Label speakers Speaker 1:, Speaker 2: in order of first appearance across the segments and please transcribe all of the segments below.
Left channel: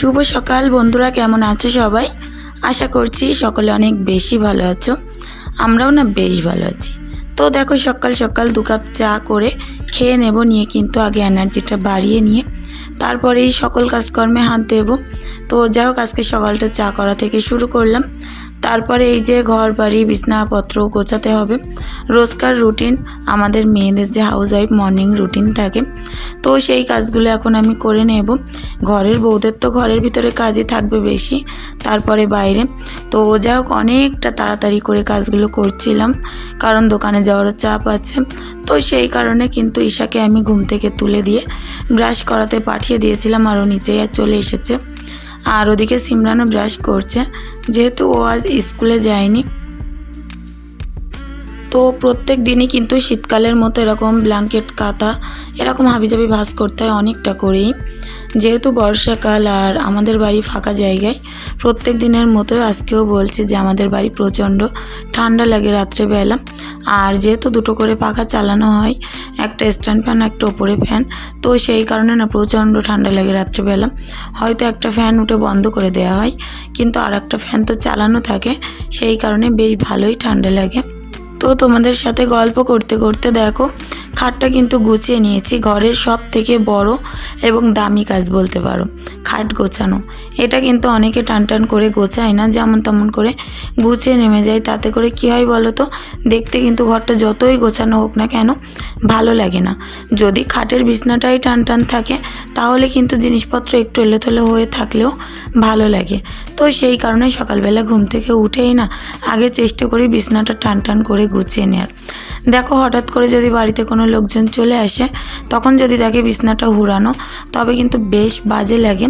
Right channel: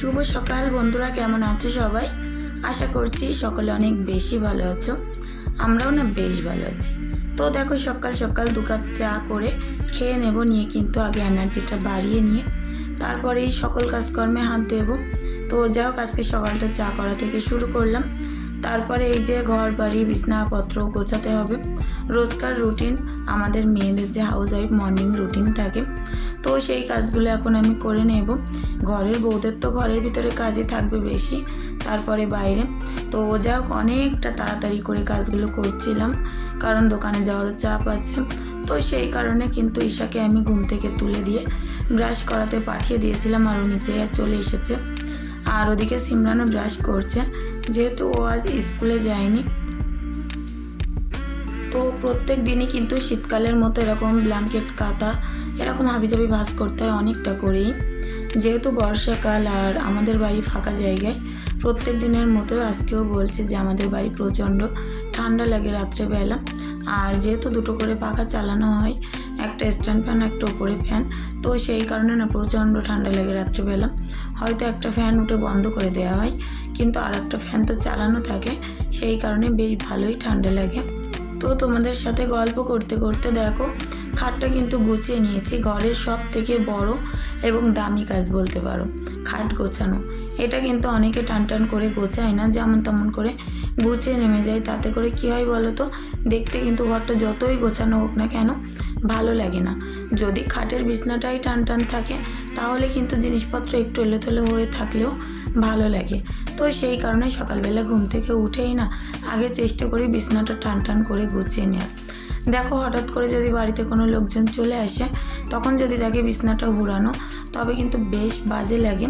Speaker 1: শুভ সকাল বন্ধুরা, কেমন আছো সবাই? আশা করছি সকলে অনেক বেশি ভালো আছো। আমরাও না বেশ ভালো আছি। তো দেখো সকাল সকাল দু কাপ চা করে খেয়ে নেব, নিয়ে কিন্তু আগে এনার্জিটা বাড়িয়ে নিয়ে তারপরেই সকল কাজকর্মে হাত দেব। তো যাই হোক, আজকে সকালটা চা করা থেকে শুরু করলাম। তারপরে এই যে ঘর বাড়ি বিছনাপত্র গোছাতে হবে। রোজকার রুটিন আমাদের মেয়েদের যে হাউস ওয়াইফ মর্নিং রুটিন থাকে। তো সেই কাজগুলো এখন আমি করে নেব। ঘরের বউদের তো ঘরের ভিতরে কাজই থাকবে বেশি, তারপরে বাইরে। তো যা হোক অনেকটা তাড়াতাড়ি করে কাজগুলো করছিলাম, কারণ দোকানে যাওয়ারও চাপ আছে। তো সেই কারণে কিন্তু ঈশাকে আমি ঘুম থেকে তুলে দিয়ে ব্রাশ করাতে পাঠিয়ে দিয়েছিলাম আরও নিচে চলে এসেছে। আর ওদিকে সিমরানও ব্রাশ করছে, যেহেতু ও আজ স্কুলে যায়নি। তো প্রত্যেক দিনই কিন্তু শীতকালের মতো এরকম ব্ল্যাঙ্কেট কাঁথা, এরকম হাবিজাবি ভাস করতে হয় অনেকটা করেই। যেহেতু বর্ষাকাল আর আমাদের বাড়ি ফাঁকা জায়গায়, প্রত্যেক দিনের মতো আজকেও বলছে যে আমাদের বাড়ি প্রচণ্ড ঠান্ডা লাগে রাত্রেবেলা। আর যেহেতু দুটো করে পাখা চালানো হয় একটা স্ট্যান্ড ফ্যান, একটা ওপরে ফ্যান। তো সেই কারণে না প্রচণ্ড ঠান্ডা লাগে রাত্রিবেলা। হয়তো একটা ফ্যান উঠে বন্ধ করে দেওয়া হয়, কিন্তু আর একটা ফ্যান তো চালানো থাকে, সেই কারণে বেশ ভালোই ঠান্ডা লাগে। তো তোমাদের সাথে গল্প করতে করতে দেখো খাটটা কিন্তু গুছিয়ে নিয়েছি, ঘরের সব থেকে বড় এবং দামি কাজ বলতে পারো, খাট গোছানো। এটা কিন্তু অনেকে টান টান করে গোছায় না, যেমন তেমন করে গুছিয়ে নেমে যায়। তাতে করে কী হয় বলো তো, দেখতে কিন্তু ঘরটা যতই গোছানো হোক না কেন ভালো লাগে না। যদি খাটের বিছনাটাই টান টান থাকে, তাহলে কিন্তু জিনিসপত্র একটু এলোথেলো হয়ে থাকলেও ভালো লাগে। তো সেই কারণে সকালবেলা ঘুম থেকে উঠেই না, আগে চেষ্টা করি বিছনাটা টান টান করে গুছিয়ে নেওয়ার দেখো হঠাৎ করে যদি বাড়িতে কোনো লোকজন চলে আসে, তখন যদি দেখে বিছনাটা হুরানো তবে কিন্তু বেশ বাজে লাগে।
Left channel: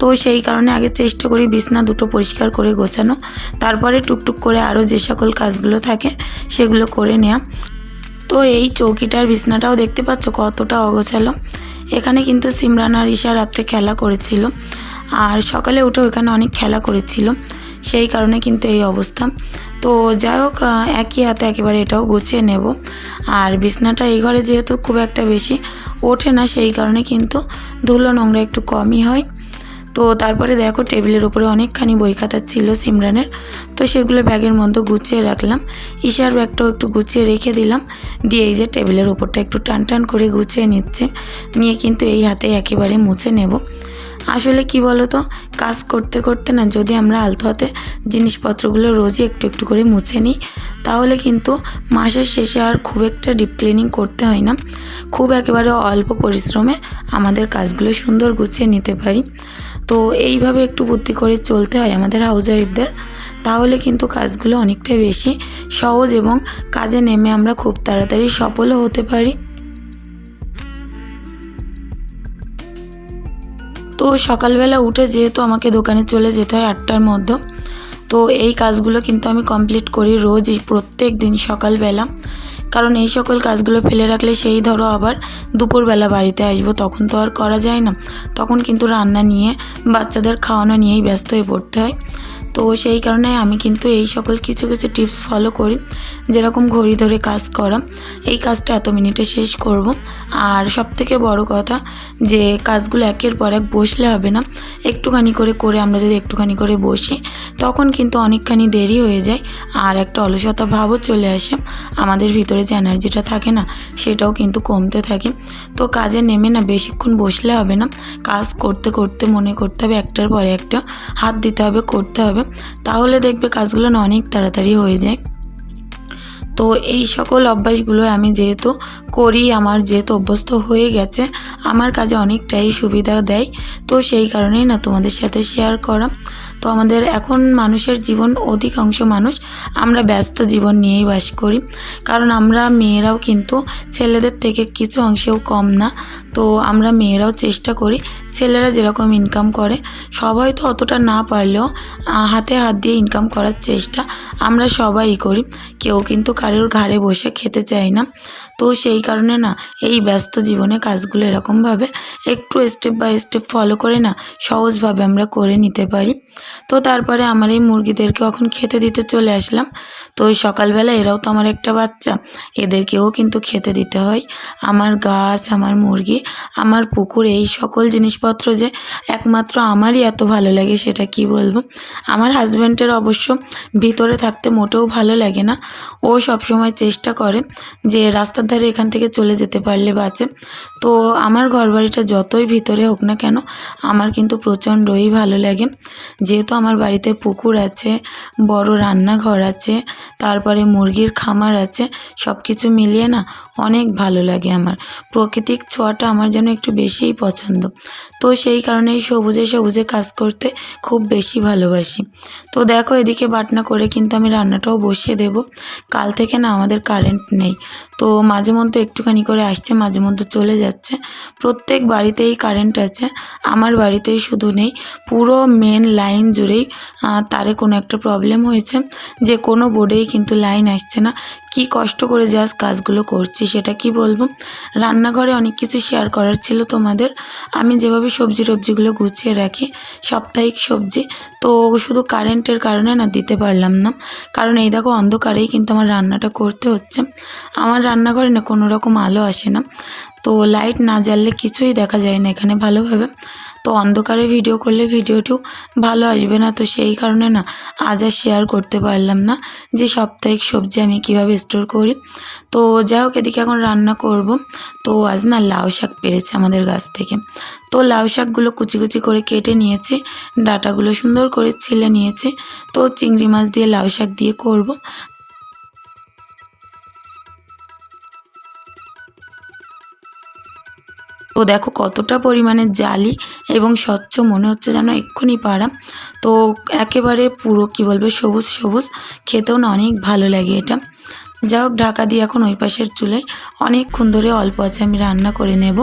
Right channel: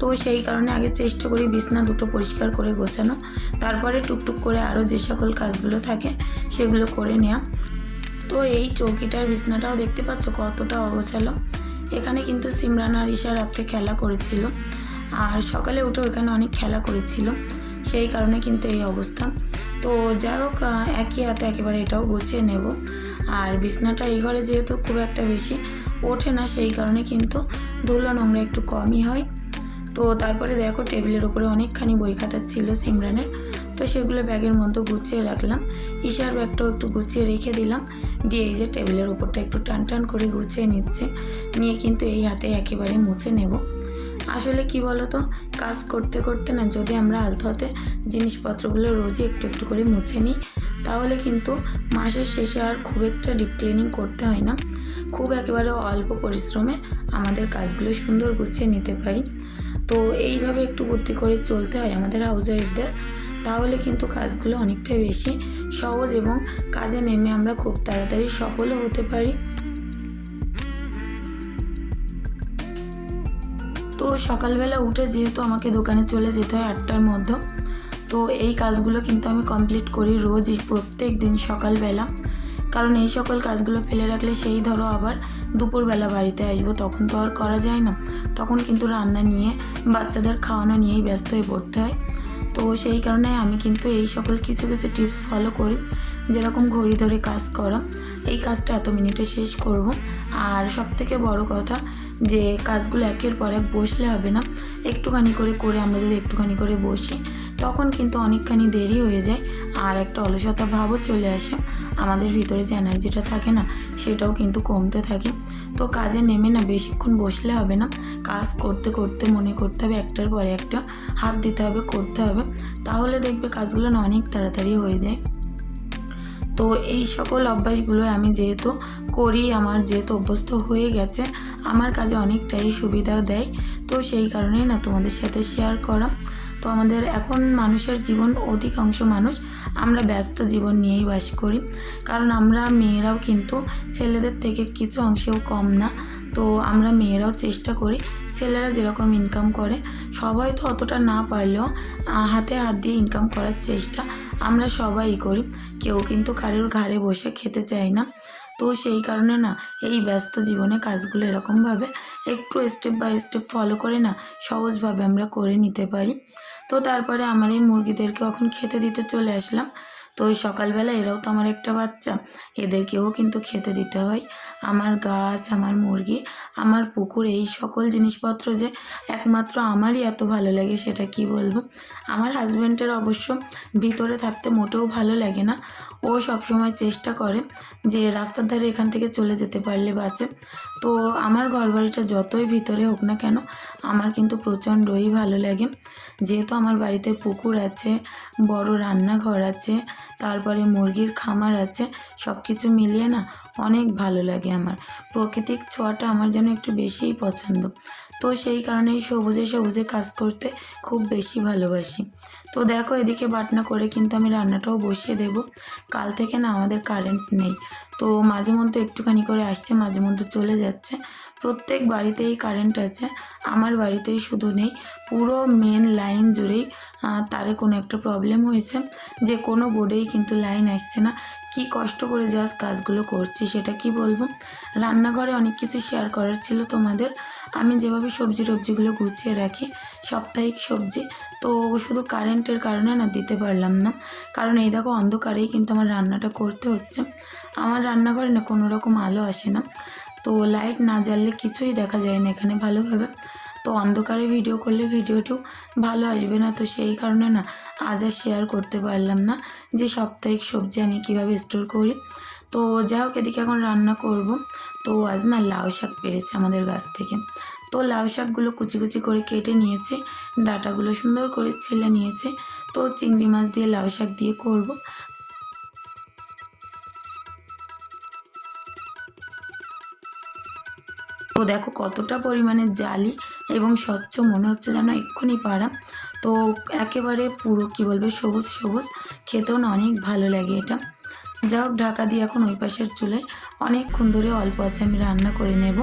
Speaker 1: তো সেই কারণে আগে চেষ্টা করি বিছনা দুটো পরিষ্কার করে গোছানো, তারপরে টুকটুক করে আরও যে সকল কাজগুলো থাকে, সেগুলো করে নেওয়া তো এই চৌকিটার বিছনাটাও দেখতে পাচ্ছ কতটা অগোছালো। এখানে কিন্তু সিমরান আর ঈশা রাত্রে খেলা করেছিল, আর সকালে উঠে ওখানে অনেক খেলা করেছিল। সেই কারণে কিন্তু এই অবস্থা। তো যাই হোক একই হাতে একেবারে এটাও গুছিয়ে নেব। আর বিছনাটা এই ঘরে যেহেতু খুব একটা বেশি ওঠে না, সেই কারণে কিন্তু ধুলো নোংরা একটু কমই হয়। তো তারপরে দেখো টেবিলের উপরে অনেকখানি বই খাতা ছিল সিমরানের, তো সেগুলো ব্যাগের মধ্যে গুছিয়ে রাখলাম। ঈশার ব্যাগটাও একটু গুছিয়ে রেখে দিলাম। দিয়ে এই যে টেবিলের উপরটা একটু টান টান করে গুছিয়ে নিচ্ছে। নিয়ে কিন্তু এই হাতে একেবারে মুছে নেব। আসলে কি বলো তো কাজ করতে করতে না যদি আমরা আলতো হাতে জিনিসপত্রগুলো রোজই একটু একটু করে মুছে নিই, তাহলে কিন্তু মাসের শেষে আর খুব একটা ডিপ ক্লিনিং করতে হয় না। খুব একেবারে অল্প পরিশ্রমে আমাদের কাজগুলো সুন্দর গুছিয়ে নিতে পারি। তো এইভাবে একটু বুদ্ধি করে চলতে হয় আমাদের হাউস ওয়াইফদের তাহলে কিন্তু কাজগুলো অনেকটাই বেশি সহজ এবং কাজে নেমে আমরা খুব তাড়াতাড়ি সফলও হতে পারি। তো সকালবেলা উঠে যেহেতু আমাকে দোকানে চলে যেতে হয় আটটার মধ্যে, তো এই কাজগুলো কিন্তু আমি কমপ্লিট করি রোজই প্রত্যেক দিন সকালবেলা। কারণ এই সকল কাজগুলো ফেলে রাখলে সেই ধরো আবার দুপুরবেলা বাড়িতে আসব, তখন তো আর করা যায় না। তখন কিন্তু রান্না নিয়ে বাচ্চাদের খাওয়ানো নিয়েই ব্যস্ত হয়ে পড়তে হয়। তো সেই কারণে আমি কিন্তু এই সকল কিছু কিছু টিপস ফলো করি, যেরকম ঘড়ি ধরে কাজ করা। এই কাজটা এত মিনিটে শেষ করব। আর সব থেকে বড় কথা, যে কাজগুলো একের পর এক বসলে হবে না। একটুখানি করে করে আমরা যদি একটুখানি করে বসি, তখন কিন্তু অনেকখানি দেরি হয়ে যায়। আর একটা অলসতা ভাবও চলে আসে। আমাদের ভিতরে যে এনার্জিটা থাকে না সেটাও কিন্তু কমতে থাকে। তো কাজে নেমে না বেশিক্ষণ বসলে হবে না। কাজ করতে করতে মনে করতে হবে একটার পরে একটা হাত দিতে হবে, করতে হবে। তাহলে দেখবে কাজগুলো না অনেক তাড়াতাড়ি হয়ে যায়। তো এই সকল অভ্যাসগুলো আমি যেহেতু করি, আমার যেহেতু অভ্যস্ত হয়ে গেছে, আমার কাজে অনেকটাই সুবিধা দেয়। তো সেই কারণেই না তোমাদের সাথে শেয়ার করা। তো আমাদের এখন মানুষের জীবন অধিকাংশ মানুষ আমরা ব্যস্ত জীবন নিয়েই বাস করি। কারণ আমরা মেয়েরাও কিন্তু ছেলেদের থেকে কিছু অংশেও কম না। তো আমরা মেয়েরাও চেষ্টা করি ছেলেরা যেরকম ইনকাম করে, সবাই তো অতটা না পারলেও হাতে হাত দিয়ে ইনকাম করার চেষ্টা আমরা সবাই করি। কেউ কিন্তু কারোর ঘাড়ে বসে খেতে চায় না। তো সেই কারণে না, এই ব্যস্ত জীবনে কাজগুলো এরকমভাবে একটু স্টেপ বাই স্টেপ ফলো করে না সহজভাবে আমরা করে নিতে পারি। তো তারপরে আমার এই মুরগিদেরকে এখন খেতে দিতে চলে আসলাম। তো ওই সকালবেলা এরাও তো আমার একটা বাচ্চা। এদেরকেও কিন্তু খেতে দিতে হয়। আমার গাছ, আমার মুরগি, আমার পুকুর, এই সকল জিনিসপত্র যে একমাত্র আমারই এত ভালো লাগে সেটা কি বলব? আমার হাজব্যান্ডের অবশ্য ভিতরে থাকতে মোটেও ভালো লাগে না। ও সবসময় চেষ্টা করে যে রাস্তার ধারে এখান থেকে চলে যেতে পারলে বাঁচে। তো আমার ঘরবাড়িটা যতই ভিতরে হোক না কেন, আমার কিন্তু প্রচণ্ডই ভালো লাগে। যেহেতু আমার বাড়িতে পুকুর আছে, বড় রান্নাঘর আছে তারপরে মুরগির খামার আছে সব কিছু মিলিয়ে না অনেক ভালো লাগে আমার। প্রাকৃতিক ছোঁয়াটা আমার যেন একটু বেশিই পছন্দ। তো সেই কারণে এই সবুজে সবুজে কাজ করতে খুব বেশি ভালোবাসি। তো দেখো এদিকে বাটনা করে কিন্তু আমি রান্নাটাও বসিয়ে দেব। কাল থেকে না আমাদের কারেন্ট নেই। তো মাঝে মধ্যে একটুখানি করে আসছে, মাঝে মধ্যে চলে যাচ্ছে। প্রত্যেক বাড়িতেই কারেন্ট আছে, আমার বাড়িতেই শুধু নেই। পুরো মেন লাইন জুড়েই তারে কোনো একটা প্রবলেম হয়েছে। যে কোনো বোর্ডেই কিন্তু লাইন আসছে না। কি কষ্ট করে জাস্ট কাজগুলো করছি সেটা কি বলব? রান্নাঘরে অনেক কিছু শেয়ার করার ছিল তোমাদের। আমি যেভাবে সবজি টবজিগুলো গুছিয়ে রাখি, সাপ্তাহিক সবজি, তো শুধু কারেন্টের কারণে না, দিতে পারলাম না। কারণ এই দেখো, অন্ধকারেই কিন্তু আমার রান্নাটা করতে হচ্ছে। আমার রান্নাঘরে না কোনো রকম আলো আসে না। তো লাইট না জ্বাললে কিছুই দেখা যায় না এখানে ভালোভাবে। তো অন্ধকারে ভিডিও করলে ভিডিওটিও ভালো আসবে না। তো সেই কারণে না, আজ আর শেয়ার করতে পারলাম না যে সাপ্তাহিক সবজি আমি কীভাবে স্টোর করি। তো যাই হোক, এদিকে এখন রান্না করব। তো আজ না লাউ শাক পেরেছে আমাদের গাছ থেকে। তো লাউ শাকগুলো কুচি কুচি করে কেটে নিয়েছি, ডাটাগুলো সুন্দর করে ছিলে নিয়েছি। তো চিংড়ি মাছ দিয়ে লাউ শাক দিয়ে করব। তো দেখো কতটা পরিমাণে জালি এবং স্বচ্ছ মনে হচ্ছে যেন এক্ষুনি পাড়া। তো একেবারে পুরো কি বলবে সবুজ সবুজ। খেতেও না অনেক ভালো লাগে এটা। যাই হোক, ঢাকা দিয়ে এখন ওই পাশের চুলায় অনেকক্ষণ ধরে অল্প আছে, আমি রান্না করে নেব।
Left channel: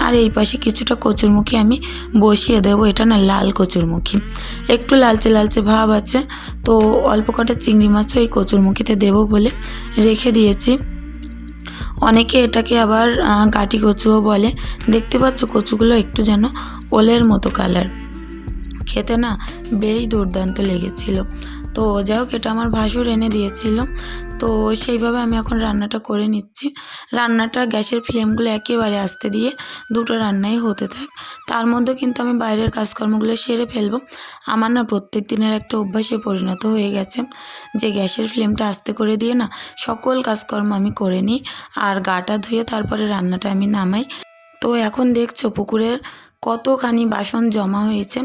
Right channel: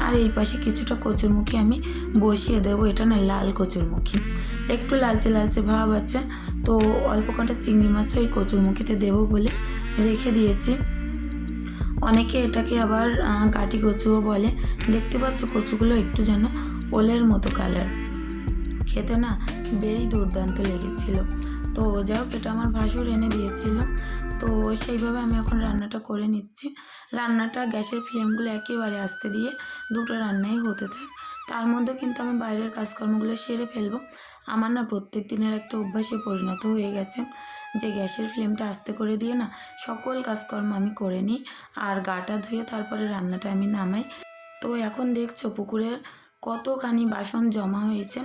Speaker 1: আর এই পাশে কিছুটা কচুরমুখী আমি বসিয়ে দেবো, এটা না লাল কচুরমুখী। একটু লালচে লালচে ভাব আছে, তো অল্প কটা চিংড়ি মাছও এই কচুরমুখীতে দেবো বলে রেখে দিয়েছি। অনেকে এটাকে আবার কাঠি কচুও বলে। দেখতে পাচ্ছ কচুগুলো একটু যেন ওলের মতো কালার খেতে না বেশ দুর্দান্ত লেগেছিল। তো যাই হোক, এটা আমার ভাসুর এনে দিয়েছিল। তো সেইভাবে আমি এখন রান্নাটা করে নিচ্ছি। রান্নাটা গ্যাসের ফ্লেমগুলো একেবারে আস্তে দিয়ে দুটো রান্নাই হতে থাক। তার মধ্যে কিন্তু আমি বাইরের কাজকর্মগুলো সেরে ফেলব। আমার না প্রত্যেক দিনের একটা অভ্যাসে পরিণত হয়ে গেছে যে গ্যাসের ফ্লেমটা আস্তে করে দিয়ে না সকল কাজকর্ম আমি করে নিই আর গাটা ধুয়ে তারপরে রান্নাটা আমি নামাই। তো এখন দেখছ পুকুরের কতখানি বাসন জমা হয়েছে,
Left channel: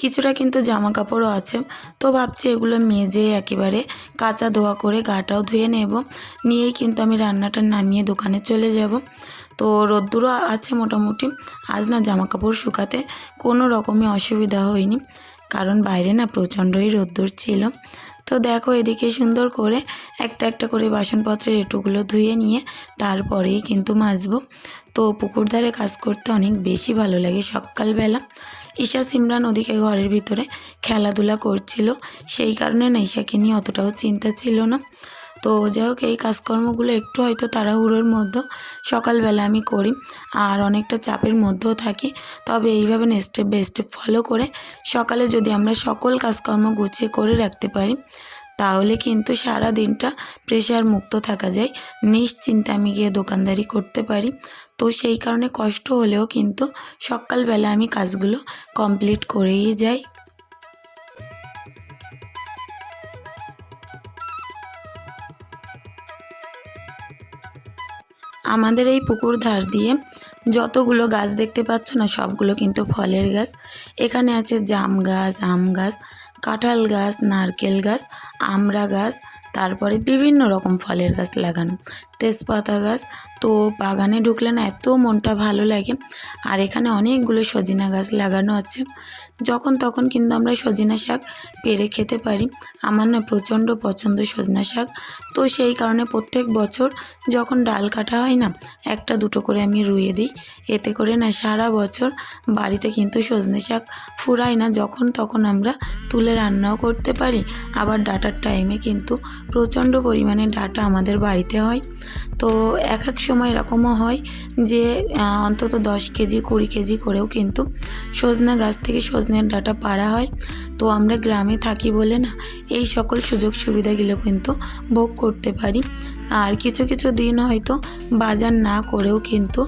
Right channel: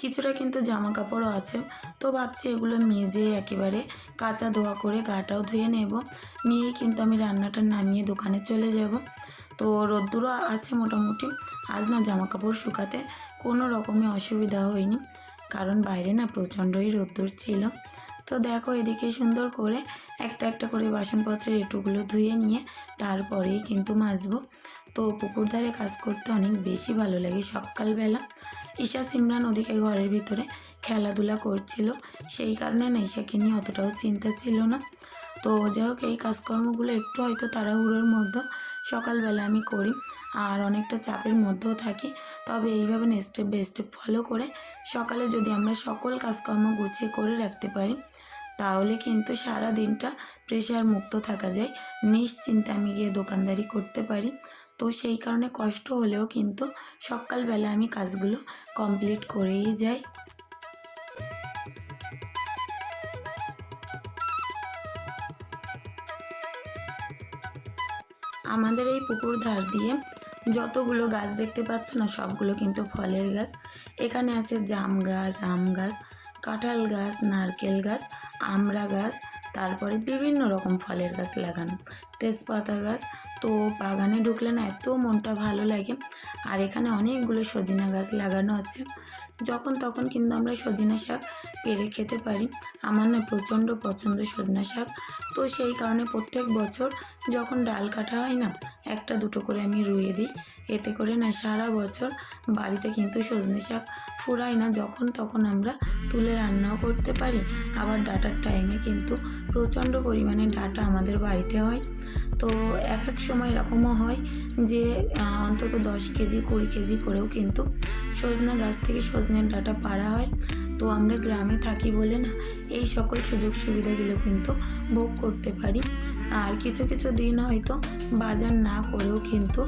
Speaker 1: কিছুটা কিন্তু জামা কাপড়ও আছে। তো ভাবছি এগুলো মেজে একেবারে কাঁচা ধোয়া করে গাটাও ধুয়ে নেব। নিয়েই কিন্তু আমি রান্নাটা নামিয়ে দোকানে চলে যাব। তো রোদ্দুরও আছে মোটামুটি। আজ না জামা কাপড় শুকাতে কোনো রকমই অসুবিধা হয়নি, কারণ বাইরে না প্রচণ্ডই রোদ্দুর ছিল। তো দেখো এদিকে সুন্দর করে একটা একটা করে বাসনপত্রের এটুগুলো ধুয়ে নিয়ে তারপরেই কিন্তু মাজবো। তো পুকুর ধারে কাজ করতে অনেক বেশি ভালো লাগে। সকালবেলা ঈশা সিমরান ওদিকে ঘরের ভিতরে খেলাধুলা করছিল। সেই কারণে না ঈশাকে নিয়ে অতটাও চিন্তা ছিল না। তো যাই হোক এই কাজকর্মগুলো একটু হয়তো তাড়াহুড়োর মধ্যে সকালবেলা আমি করি আর অনেকটা চাপের মধ্যেও থাকি। তবে এইভাবে স্টেপ বাই স্টেপ ফলো করে সকালে যদি আমরা সকল কাজকর্ম গুছিয়ে করে রাখতে পারি তাহলে কিন্তু সারা দিনটা প্রেশার মুক্ত থাকা যায়। নিশ্চিন্তে আমি গিয়ে দোকানদারি করতে পারি। তো সেই কারণে কষ্ট হলেও কিন্তু সকালবেলা আমি কাজগুলো কমপ্লিট করেই যাই। আমাদের এই পুকুর ধার দিয়ে যতগুলো গাছ দেখতে পাচ্ছ না, সবগুলো কিন্তু ফলের গাছ। এখানে আছে জাম গাছ, আম গাছ, কাঁঠাল গাছ, নারকেল গাছ আমরা গাছ, তারপরে বিভিন্ন রকম ফলের গাছ লাগানো। তেজপাতা গাছ, তো বাগানে ঢুকলে না এত মনটা ভালো লাগে। আর এখানে অনেকগুলো সজিনা গাছ লাগানো আছে। যখন তখন কিন্তু আমরা সজিনা শাক পেরে খেতে পারি। আমার না প্রচণ্ড পছন্দ সজনা শাক। তো সেই কারণে প্রত্যেক বছর যখন ডাল কাটা হয় না, একটা দুটো করে আমি রুইয়ে দিই। এতে করে না সারা বছর বাড়িতে কিন্তু সজনে শাক ফুরায় না। যখন তখন আমরা তুলে রান্নাও করতে পারি। আবার ডাটার টাইমে কিন্তু প্রচণ্ড পরিমাণে ডাটা আমাদের বাড়িতে হয়। তো এক এক সময় এরকমও হয় যে অন্তত দশ কেজি, কুড়ি কেজি করেও কিন্তু সজনা গাছ থেকে সজনের ডাটা পাড়া হয়। তো আমরা গ্রামে থাকি বলে না, এই সকল সুযোগ সুবিধাগুলো কিন্তু ভোগ করতে পারি। আর কিছু কিছু দিন হয়তো বাজার না করেও কিন্তু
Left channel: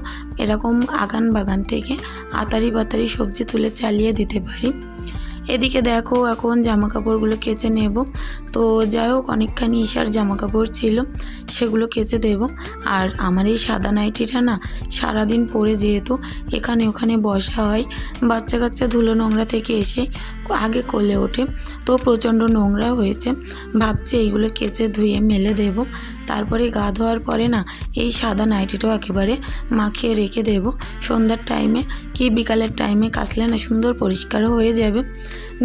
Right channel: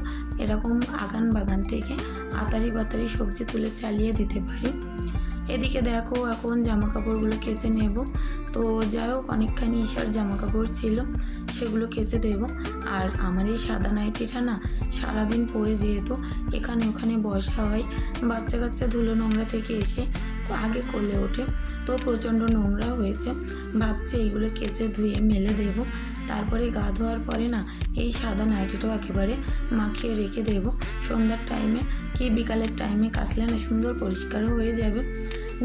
Speaker 1: এরকম আগান বাগান থেকে আতারি বাতারি সবজি তুলে চালিয়ে দিতে পারি। এদিকে দেখো এখন জামা কাপড়গুলো কেচে নেব। তো যাই হোক, অনেকখানি ঈশার জামা কাপড় ছিল, সেগুলো কেচে দেব। আর আমার এই সাদা নাইটিটা না সারাদিন পরে যেহেতু এখানে ওখানে বসা হয়, বাচ্চা কাচ্চা ধুলো নোংরা থেকে এসে আগে কোলে ওঠে। তো প্রচণ্ড নোংরা হয়েছে। ভাবছে এইগুলো কেচে ধুয়ে মেলে দেব। তারপরে গা ধোয়ার পরে না, এই সাদা নাইটিটাও একেবারে মাখিয়ে রেখে দেব। সন্ধ্যার টাইমে কি বিকালের টাইমে কাচলে না সুন্দর পরিষ্কারও হয়ে যাবে।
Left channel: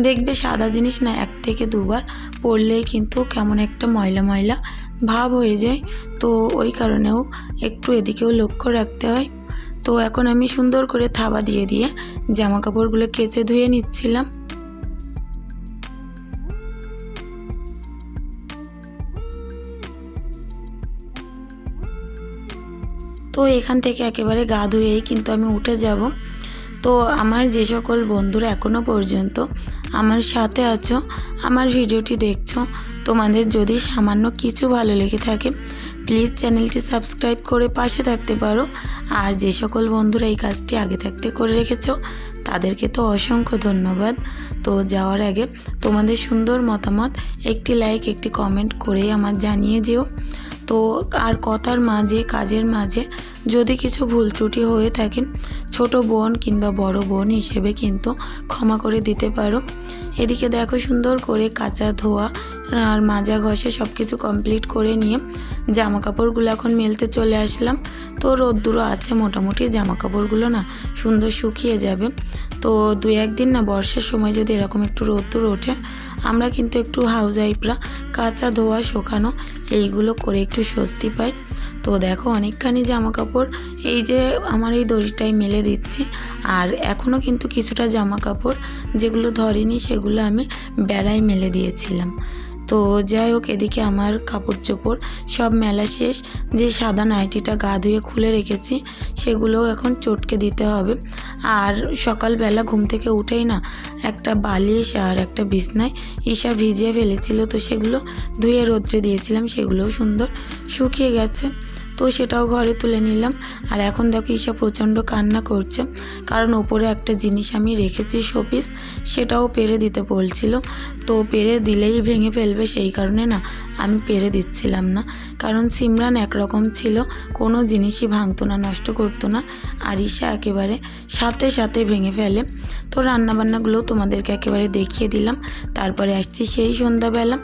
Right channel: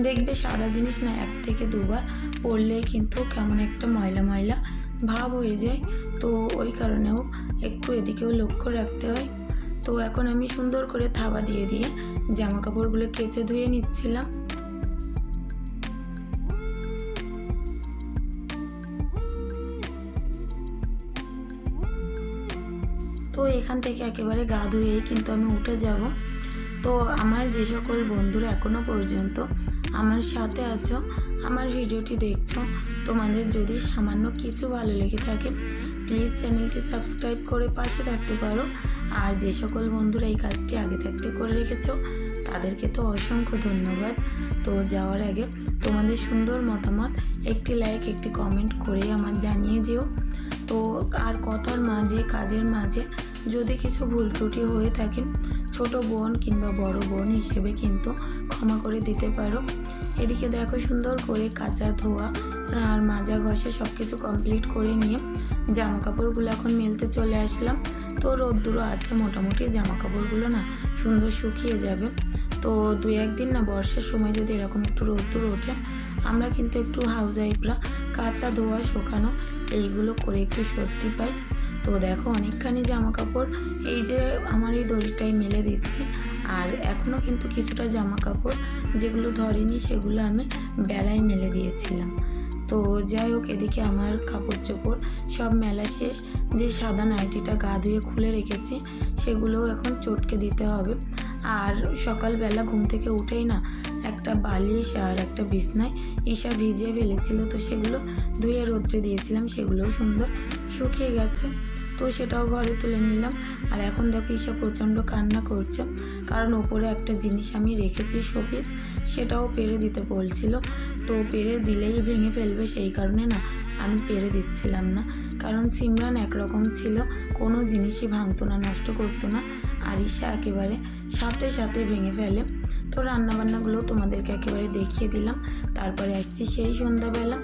Speaker 1: দেখবে সাদা জিনিস না এক থেকে দুবার পরলেই কিন্তু কেমন একটা ময়লা ময়লা ভাব হয়ে যায়। তো ওই কারণেও একটু এদিকেও লক্ষ্য রাখতে হয়। তো এখন আমি সুন্দর করে থাবা দিয়ে দিয়ে জামা কাপড়গুলো কেচে ধুয়ে নিচ্ছিলাম। তো এখান থেকে একেবারে গা ধুয়েই কিন্তু আমি উঠে যাব। তো আমার যে সকল বন্ধুরা এখনও পর্যন্ত আমার সাথে আছো, আমার ভিডিওটি দেখছ, তোমাদের যদি সামান্য কিছু ভালো লেগে থাকে প্লিজ চ্যানেলটি সাবস্ক্রাইব করে পাশে থাকতে পারো। আর যে সকল বন্ধুরা এই কাজটি আগে থাকতে করে রেখেছো, তাদেরকে তো অসংখ্য ধন্যবাদ। তো যাওয়ার আগে তোমাদের সুন্দর মতামত, একটি লাইক একটি কমেন্ট করে আমার জানিয়ে যেও। তো আর কথার মাঝে, কাজের মাঝে যদি কিছু ভুল ত্রুটি হয়ে থাকে, ছোট বোন কিংবা বড় বোন হিসেবে কিন্তু ক্ষমা করে দিতে পারো। এদিকে দেখো সুন্দর করে কাঁচা ধোয়া আর মাজা ঘষে সব কিছু কমপ্লিট করে নিয়ে জামা কাপড়গুলো এখন মেলতে চলে আসলাম। তো রোদ্দুরও আছে মোটামুটি জামা কাপড়গুলো না সুন্দর শুকিয়ে যাবে। তো দু একদিন না বর্ষার সময় যদি এরকম একটু রোদ্দুর ওঠে, আমরা কিন্তু একটু হাউস ওয়াইফরা কাঁচা ধোয়া শুকানো এইগুলো করে একটু স্বস্তি পাই। তো দেখো অনেকখানি জামা কাপড় এই যে আমার এই দড়িটাই মেলে দিচ্ছি। আর এখনও কিন্তু কিছুটা জামা কাপড় যেগুলো ধরেনি সেগুলো আমি বেড়ায় মেলে দিয়েছিলাম। তো যাই হোক, এদিকে আমার কাপড় চোপড় সব মেলা শেষ। যে সাদা নাইটিটা গা ধুয়ে খুলে রেখেছি সেগুলো এখন চটকে দিতে হবে। আর সকালবেলা ঘুম থেকে উঠেই না, একটা বালিশ আর একটা বিছনায় ঈশা ভিজিয়ে ফেলেছিল। তো সেগুলো ধুয়ে রোদ্রে দিয়েছিলাম, সেগুলোও সুন্দর শুকিয়ে গেছে। তো সেটাও ঘরে তুলে নিলাম। আর এখন দেখো ঈশা প্রচণ্ড কান্না করছে। কারণ ওপরে একটা জিনিস আমি রেখেছি শোপিস, সেটাও পেরে দিতে বলছিল। তো পেরে দিলেই ভেঙে ফেলবে সেই কারণে না। আমি পেরে দিচ্ছিলাম না। কারণ সিমরান একরকম ছিল, কোনো জিনিসই ভাঙতো না, নষ্ট করতো না, আর ঈশা একেবারে সাথে সাথে ভেঙে ফেলে। তো রান্নাবান্নাগুলো তোমাদেরকে একেবারে দেখিয়ে দিলাম, তারপরে আসছি সেই সন্ধ্যাবেলা।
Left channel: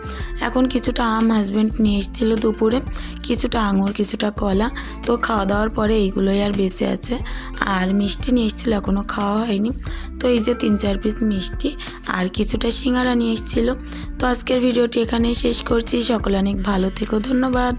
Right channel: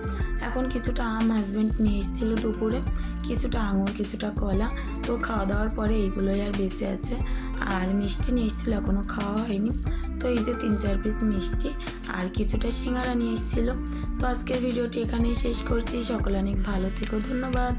Speaker 1: এখন কিছুটা আম হাজব্যান্ড নিয়ে এসেছিল দুপুরে, কিছুটা আঙুর, কিছুটা কলা। তো খাওয়া দাওয়ার পরে এইগুলোই আর বেঁচে আছে, আর মিষ্টি নিয়ে এসেছিল এখনও খাওয়া হয়নি। তো এই যে তিন চার পিস মিষ্টি, আর কিছুটা সিঙ্গারা নিয়ে এসেছিল। তো আজকের ভিডিওটি এখানেই শেষ করছি। সকলে অনেক ভালো থেকো। ধন্যবাদ।